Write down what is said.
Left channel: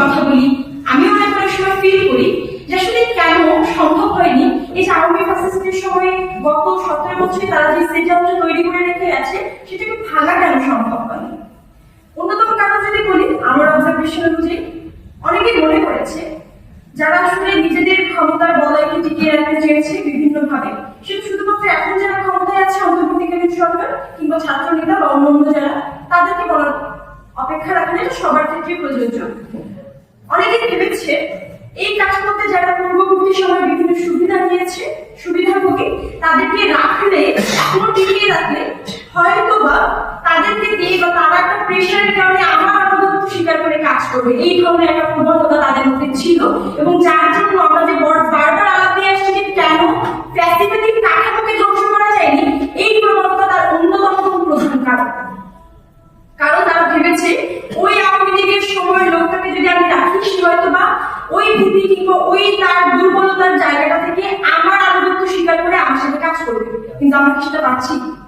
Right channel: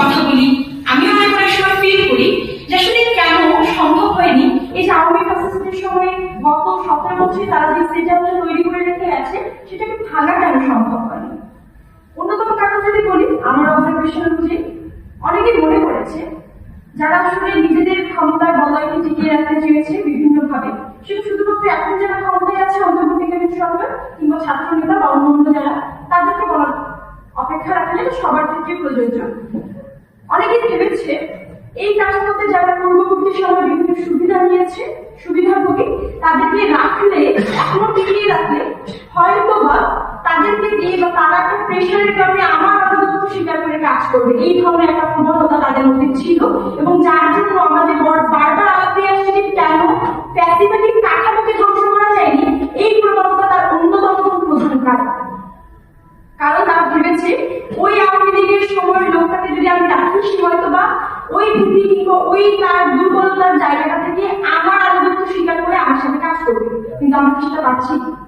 কথা বলি, আমি অনেক অনেক সময় ফিল করি যে আসলে কেন সম্ভব হয়নি এই যে আওয়ামী ফ্যাসিস্টের সময় গত সতেরো বছরে তারা যে সিদ্ধান্ত তৈরি করে রেখে আছে সেটাকে ভাঙা কেন সম্ভব হয়নি? অন্যতম কারণ যদি বলি আমার অবজারভেশন অনুযায়ী অনেকে মনে করেছে, যারা আসলে নিজেদের ক্ষমতার বলয়কে টিকিয়ে রাখতে চেয়েছে বিভিন্ন ভাবে সেটা শুধুমাত্র এখন যারা ক্ষমতায় আছে, অন্তর্বর্তীকালীন সরকার কিংবা ছাত্র নেতা বা অন্যান্য যারা, তাদেরকে বলার অপেক্ষা রাখলে সবার ক্ষেত্রে প্রযোজ্য। অনেকে ভেবেছে এই কাজ করতে যারা পূর্ববর্তী সময় বিভিন্ন সুবিধা নিয়েছে, সুবিধাভোগী, তাদেরকে রাখলে, এখনও টিকিয়ে রাখলে হয়তো বা তাদেরকে দিয়ে বা তারা একটা প্রেশারের কারণে আমার আনুগত্য স্বীকার করে কাজ করবে। এই ধরনের একটা প্রবণতা তাদের মধ্যে ছিল এবং যার জন্য আমাদের ওই ভীতি কিংবা ওই তার দুর্বলতার জায়গাটা থেকে আমার আনুগত্য স্বীকার করে আমার সাথে কাজ করবে। কিন্তু আমরা কিছুটা পাচ্ছি পাচ্ছি